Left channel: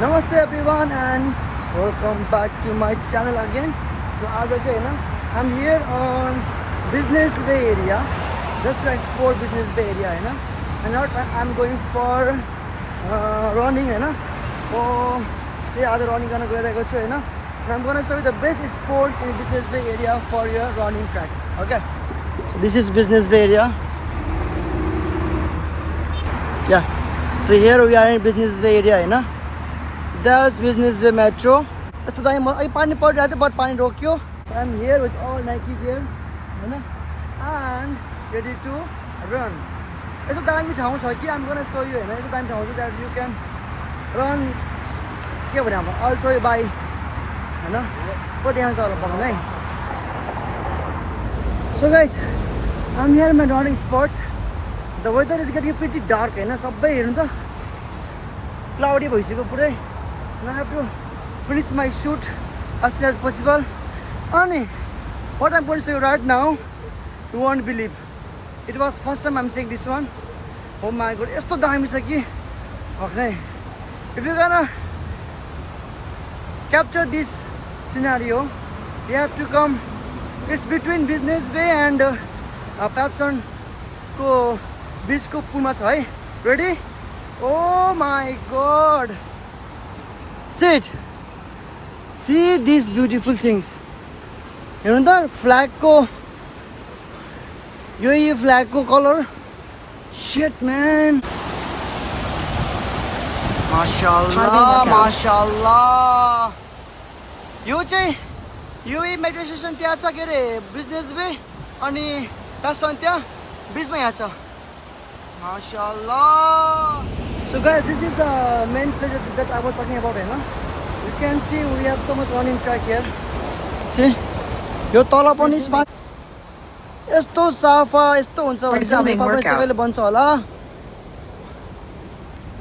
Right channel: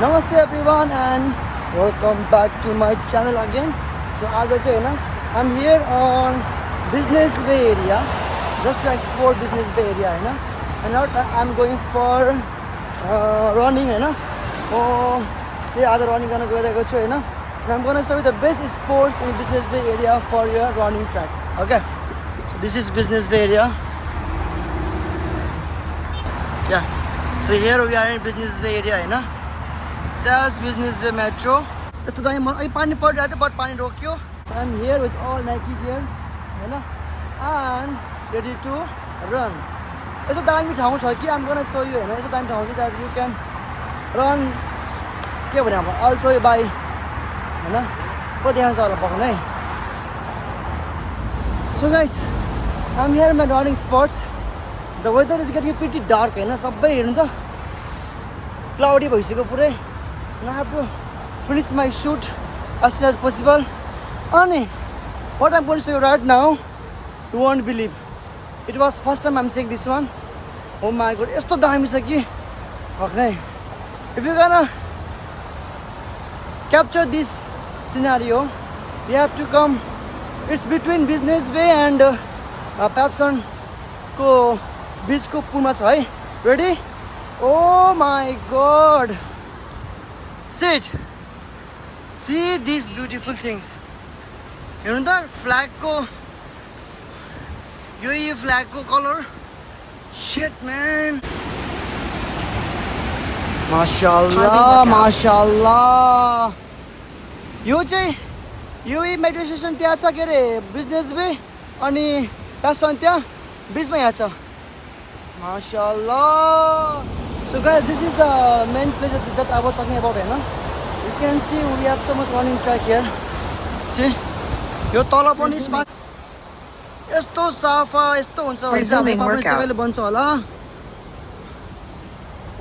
Namaste everyone and welcome back to my channel again. So आज चाहिँ होइन I'm here on Business Bay area just to explore Business Bay area होइन and now I'm going for running होइन त्यही आज running गर्न गइरहेको छु होइन I'm going to show you the best sports in Business Bay area for your running track. Okay, this is Business Bay area. Yeah, so here we are in Business Bay area होइन. That's Business Bay Metro. यस्तो दामी पानी परिरहेको थियो but पानी रोक्यो. I'm here with all Nike gear होइन and ready to run. यस्तो दामी ठाउँ छ कि I'm gonna show you होइन यस्तो दामी ठाउँ छ that you can run. के भने अब I'll show you by होइन को देखाउँछ होला पाउनु है. So guys, I'm here in my running spots. The weather is getting pretty dark होइन सबै हेर्नु त क्लाउडी भइसक्यो पुरै. And I have to finish my shoot as soon as possible. And what I'm going to show you right now, you won't believe. It was first time I'm seeing this one. Oh my god, यस्तो दामी छ कि भक्नै. If you're gonna capture this scenario, you have to come. It's between Business Bay and Papson को बिचको पुलमा छ है. Ready? Oh my god. See these beautiful things. हेर्नु त फ्ल्यागको यो फ्ल्यागको कलर. Shit man. माशाअल्लाह माशाअल्लाह. यो चाहिँ यो मेट्रो स्टेसन त्यहाँ छ के अरे बिजनेस बे अनि प्यासन त्यहाँ बिचमा यहाँ छ. माशाअल्लाह. So guys, this is the main place that I was talking about होइन. You can see we have so much running track here. See, यो तल पनि स्पाट यस्तो सफा यस्तो हुन्छ भने चाहिँ हाम्रो यस्तो कहिले बन्छ होला.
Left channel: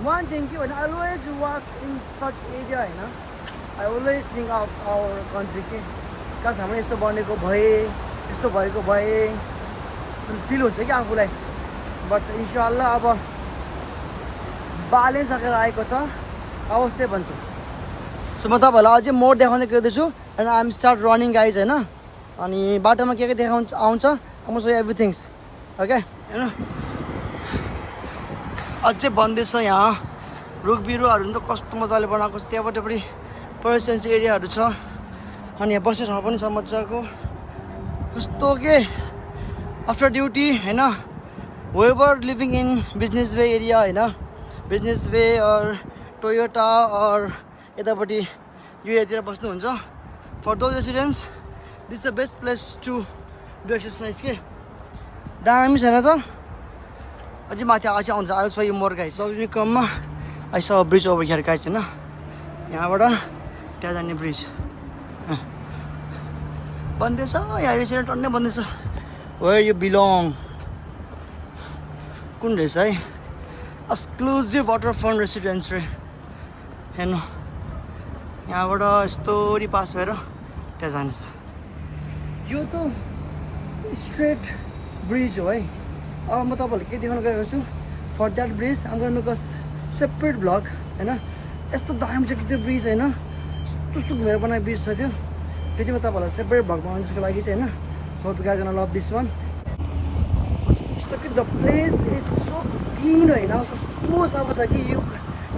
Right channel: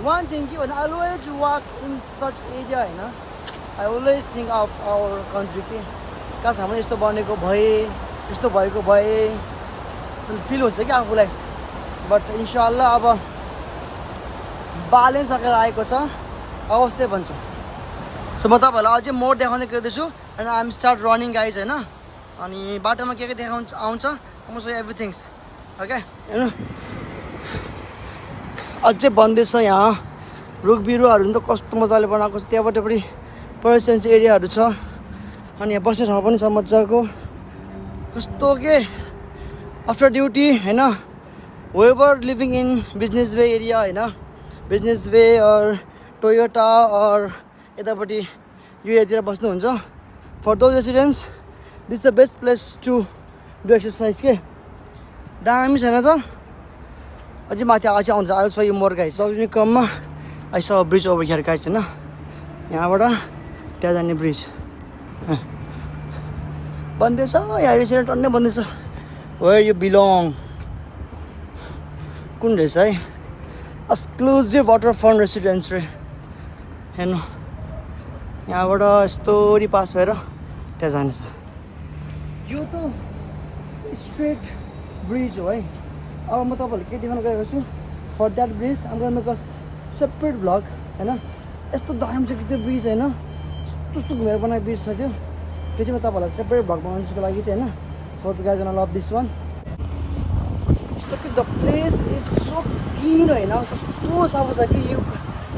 One thing कि I always walk in such area होइन. I always think of our country कि काश हाम्रो यस्तो बनेको भए यस्तो भएको भए फिल हुन्छ कि आफूलाई. बट इन्शाअल्लाह अब बाले सकेर आएको छ अवश्य बन्छ. सो म तपाईँहरूलाई अझै मोड देखाउँदै गइरहेछु and I am start running guys होइन. अनि बाटोमा के देखाउँछ आउँछ म सो एभ्रिथिङ्स ओके होइन. अझै भन्दैछ यहाँ रुख बिरुवाहरू नि त कस्तो मजाले बनाएको छ. त्यहाँबाट पनि पर्यटन एरियाहरू छ अनि यहाँ बस्ने ठाउँ पनि छ मजाको. कस्तो के आफ्टर ड्युटी होइन whoever living in Business Bay area होइन Business Bay or Toyota or यतापट्टि यो एरियातिर बस्नुहुन्छ. For those residents, this is the best place to do exercise के. दामी छैन त. अझै माथि आएको चाहिँ आउँछ. I'll show you more guys. सक्ने क्रममा I saw a bridge over here guys होइन. यहाँबाट त्यहाँ जाने ब्रिज बन्दैछ. यहाँ रेस्टुरेन्ट टन्नै बन्दैछ. Where you belong. कुन रहेछ है एक्सक्लुजिभ वाटरफ्रन्ट रेसिडेन्स रे हेर्नु. यहाँबाट यस्तोरी पास भएर त्यहाँ जानेछ. यो त स्ट्रेट ब्रिज हो है. अब म तपाईँहरूलाई के देखाउन गएको छु फर द्याट ब्रिज आम gonna make a separate vlog होइन. यस्तो दामी छ कि त्यो ब्रिज होइन. कस्तो घुमेर बनाएको ब्रिज छ त्यो चाहिँ म तपाईँहरूलाई सेपरेट भ्लग बनाउनु त्यसको लागि चाहिँ होइन. So you guys gonna love this one. यस्तो कि the place is so clean होइन. कस्तो सफा छ कि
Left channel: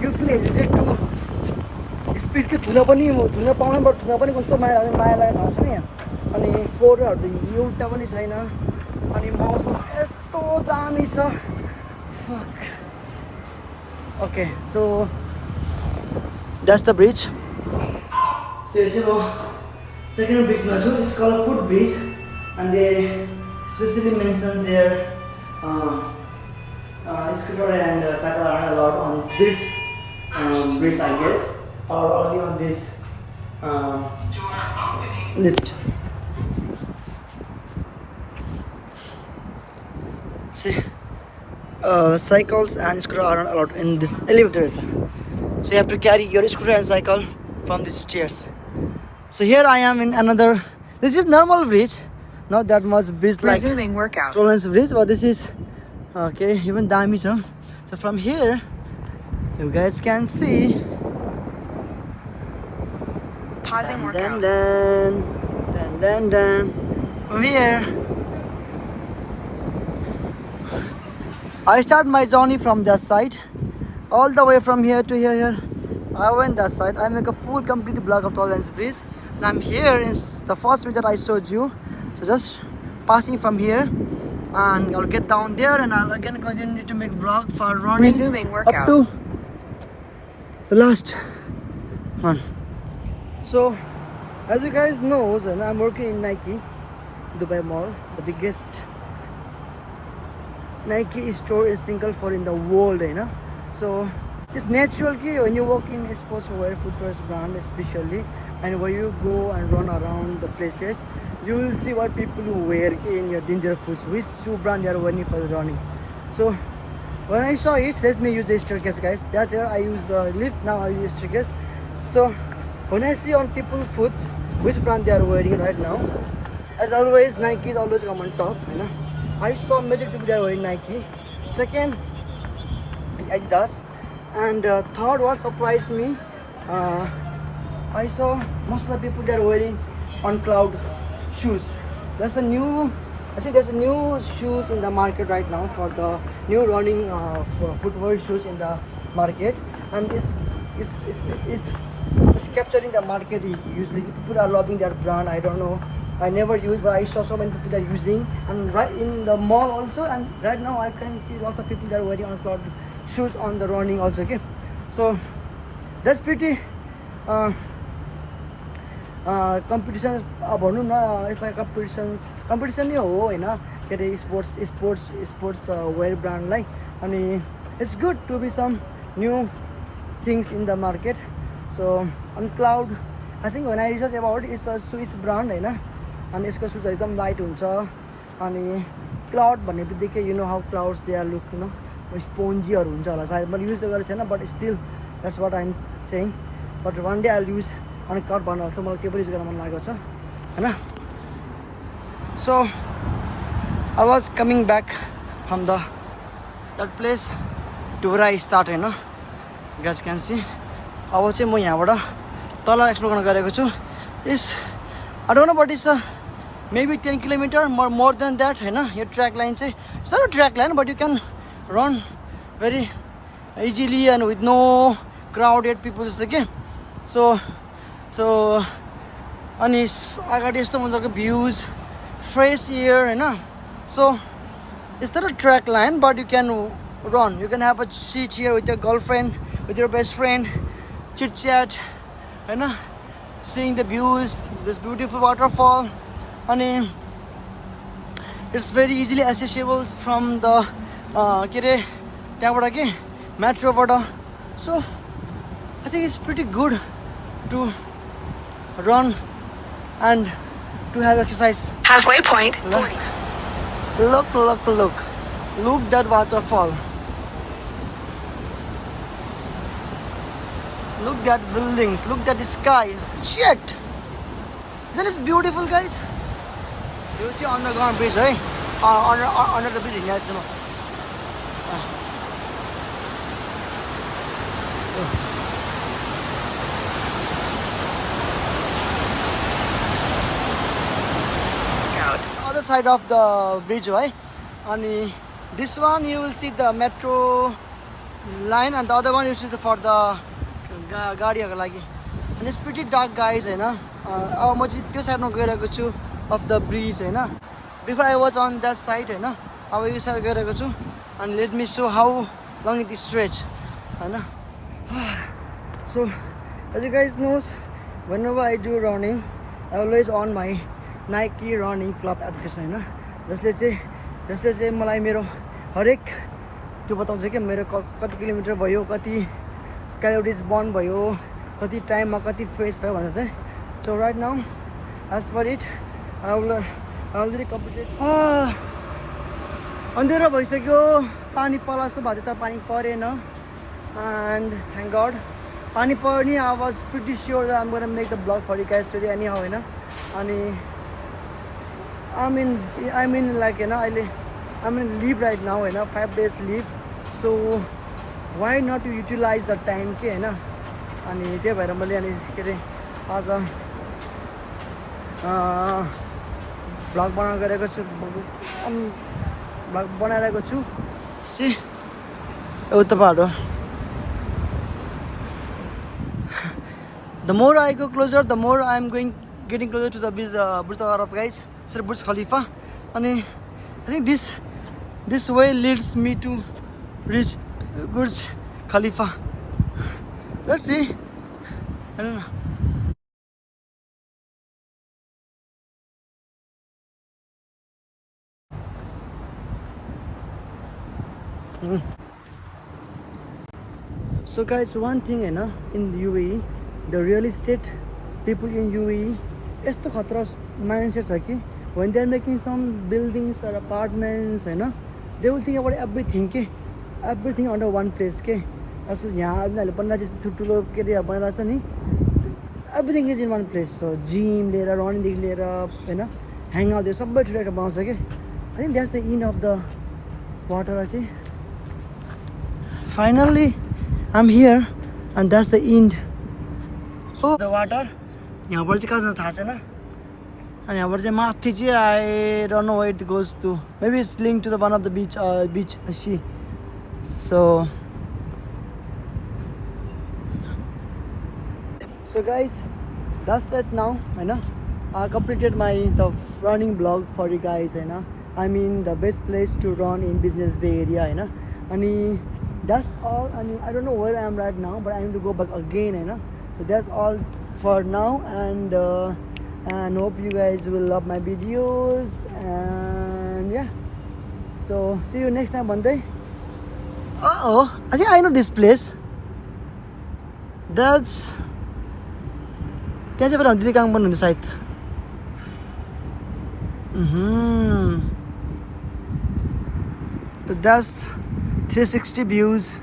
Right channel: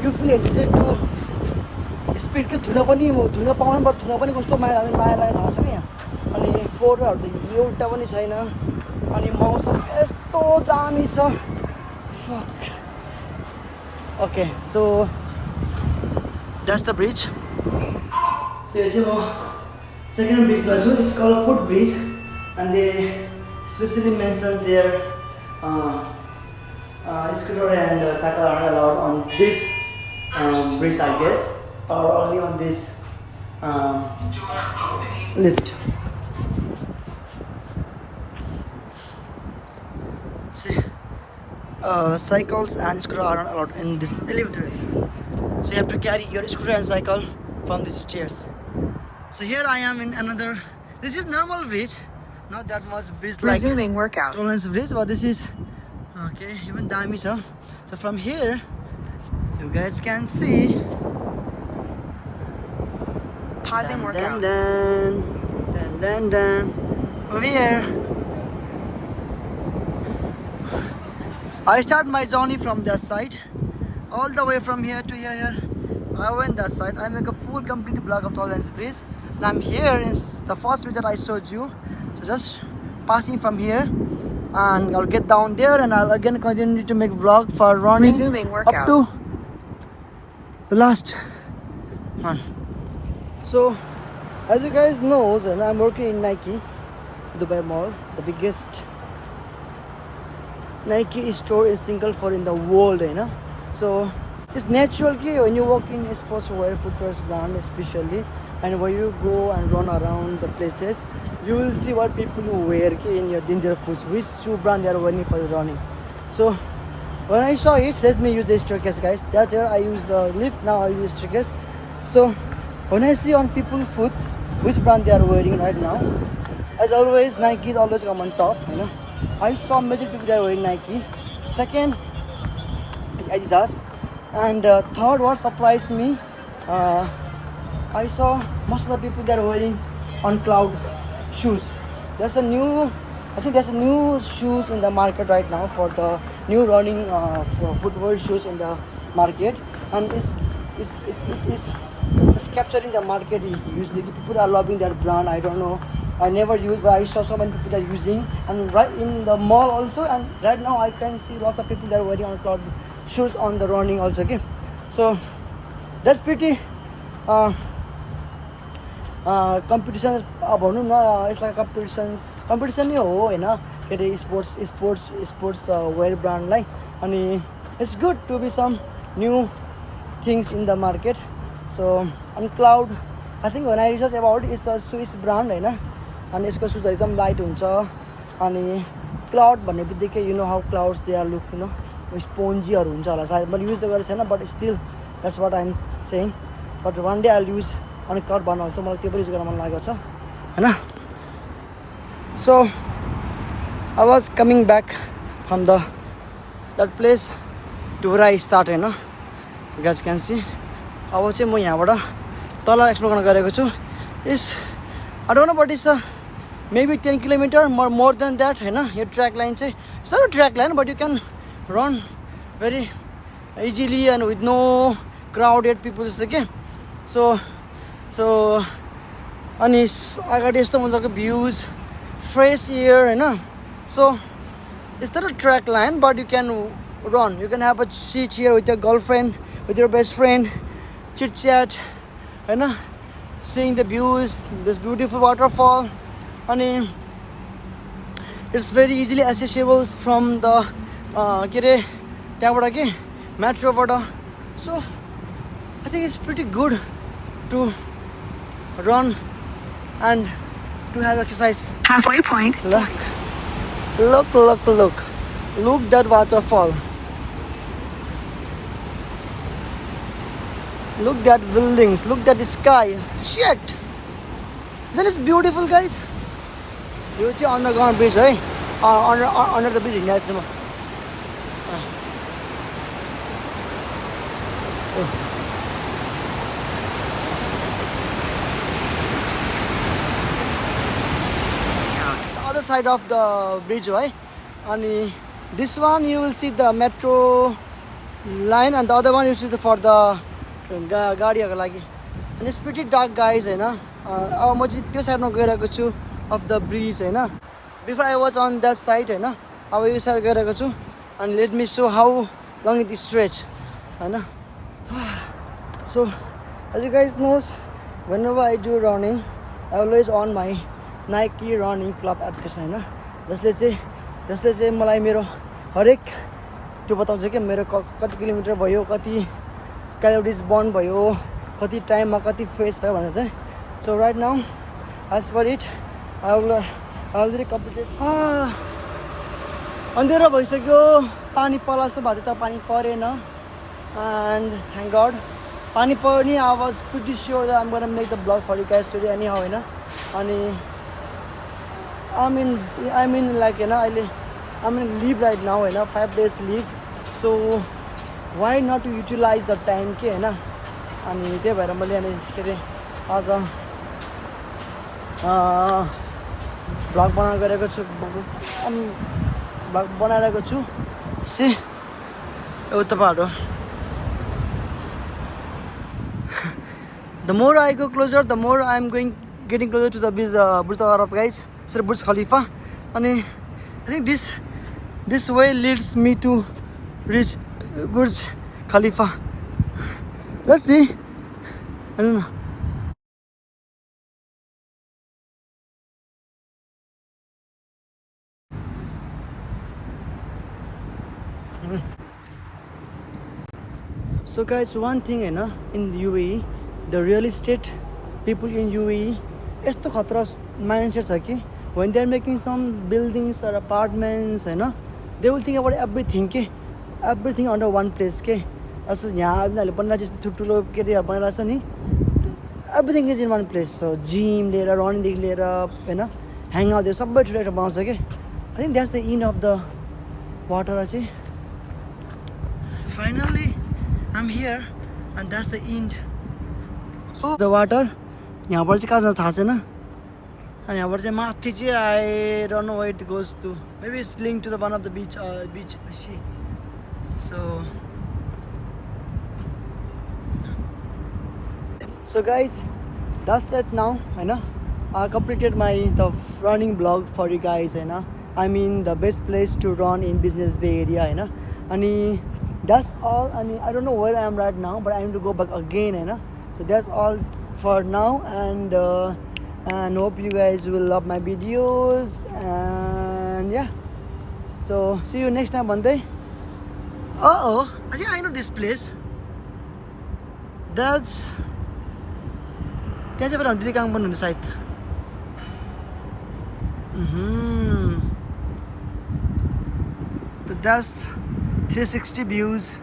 you feel hesitated to spit कि धुन पाउनु बरु धुन पनि कस्तो माया लाग्ने ठाउँ छ नि यहाँ. अनि फ्लोरहरू एउटा पनि छैन अनि मौसम यस्तो दामी छ. Fuck. Okay so that's the bridge. So यो चाहिँ म सेकेन्ड ब्रिजमा छु. It's called foot bridge and they specially mention there scooter and cycle are not allowed on this bridge I guess or only on this lift. See, cycles and scooter are not allowed in this elevators. So you have to carry your scooter and cycle from these chairs. So here I am in another. This is normal bridge, not that much bridge like resuming workout. Tolerance bridge, but this is okay. Even dami. So from here, you guys can see Pausing workout. Dun. Over here. I start my journey from that side, all the way from here to here. I went that side. I make a full complete vlog of Tall Lands Bridge, and I'm here in the first bridge that I showed you. So just passing from here, and I'll get down there, and I'll again continue to make vlog for running Resuming workout. up to the last one. So, as you guys know, I'm working in Nike, Dubai Mall, the biggest Nike store is single for in the world, you know. So it's natural when you work in a sportswear, footwear brand especially, and when you go and run around the places, you will see what people wear in their foods, which shoe brand they are wearing for running. So when I saw it, let me use the staircase, guys. That I use lift, now I use staircase. So when I see on people's foods which brand they are wearing right now, as always, Nike is always come on top, you know. I saw major people they are wearing Nike. Second, Adidas. And third, what surprised me, I saw most of the people they are wearing on Cloud shoes. I think there's a new shoes in the market right now for the new running for footwear shoes in the market, and it's capturing the market. Usually people are loving their brand. I don't know, I never use, but I saw so many people that are using, and right in the mall also, and right now I can see lots of people that are wearing on Cloud shoes on the running also. Okay, so that's pretty competition भनौँ न, यसलाई competition नै हो हैन, के अरे sports wear brandलाई, अनि it's good to be some new things in the market. So on Cloud, I think when I research about it, it's a Swiss brand हैन, अनि यसको सुजहरु एकदम लाइट हुन्छ, अनि Cloud भन्ने बित्तिकै you know how clouds they are look, you know, स्पोन्जीहरु हुन्छ होला सायद, मैले युज गरेको छैन, but still that's what I'm saying. But one day I'll use on Cloud brand also, मलाई त्यो पनि युज गर्न मन लागेको छ हैन. So I was coming back from that place to where I started, Hahn. You guys can see. अब चाहिँ म यहाँबाट तल एक्सप्लोर गर्न गएको छु. Is I don't know, but it's maybe 10 kilometers more than that, Hahn. Yo track line चाहिँ, it's not a track line, but you can run very easily and with no crowded people, okay. So अनि अगाडि यस्तो मजाको भ्यूज, fresh air, Hahn. So it's not a track line, but you can run, you can have a seat here with your girlfriend, with your best friend, chit chat, Hahn, seeing the views, this beautiful waterfall, and it's very easily accessible from the के अरे त्यहाँबाट के मेट्रोबाट. So I think it's pretty good to run and to have exercise. Halfway point. Look that waterfall. Look at buildings, look at the sky. Shit, isn't this beautiful, guys? यो चाहिँ underground bridge है, under the bridge हिँडेको छु म. The other side of the bridge, right? And this one you will see the metro line, and the other one you see for the गाडीहरुको लागि. And it's pretty dark, guys, हैन. अब म चाहिँ त्यो साइडमा गइरहेको छु of the bridge, Hahn. Before I was on that side, हैन. अब यो side गइरहेको छु, and let me show how long it is stretch, Hahn. So as you guys know, whenever I do running, I always on my Nike running club application, हैन. जसले चाहिँ मलाई मेरो हरेक त्यो बताउँछ के मेरो कति किलोमिटर भयो, कति क्यालोरिज बर्न भयो, कति टाइममा कति फ्रेस भयो भनेर चाहिँ. So right now, as for it, I will already completed. अन्धेरो भइसक्यो, पानी पर्ला जस्तो भएको थियो, पानी परेन, and thank God पानी पर्ने. I was pretty sure that I'm gonna make the vlog for you guys today anyhow, हैन. अनि I mean like, हैन, अहिले I'm in leave right now, Hahn, 5 days leave. So why not to utilize the time के, हैन. अनि त्यही भएर मैले अनि के अरे आज भ्लग बनाउनु गरेको छु, भ्लग बनाइरहेको छु। सी उता बाटो। The more I go closer, the more I'm getting closer to the Burj Al Arab, guys. Sorry, Burj Khalifa. And I think this way leads me to reach Burj Khalifa. Let's see. I don't know. So guys, one thing in UAE, the real estate people in UAE, यस्तो खतरा mindset छ कि when they are making some buildings or apartments, they will think about everything under one place के। जस्तो यहाँ उनीहरूले बनाएर जस्तो ठुल्ठुलो के अरे बनाइरहेको छ नि, everything is in one place. So gym लिएर रनिङदेखि लिएर होइन ह्याङ आउट सबै ठुलो बनाउँछ कि। I think that's the end of the water चाहिँ। Finally I'm here and that's the end of the water. यहाँबाट चाहिँ कहाँ जान्छ थाहा छैन। अनि यहाँबाट चाहिँ माथि चाहिँ I don't know where it goes to. Maybe it's linked to the one of the beach sea. So guys, that's it now, होइन। I completed the running vlog for you guys, होइन। I mean the best place to run in Business Bay area, होइन। अनि that's all. अनि I don't know where I am right now, but I need to go back again, होइन। So that's all for now, and hope you guys will love my videos, and yeah, so see you next time Monday. I think I know this place. That's त्यहाँ चाहिँ दिदी काम गर्नुहुन्छ सायद। That's 360 views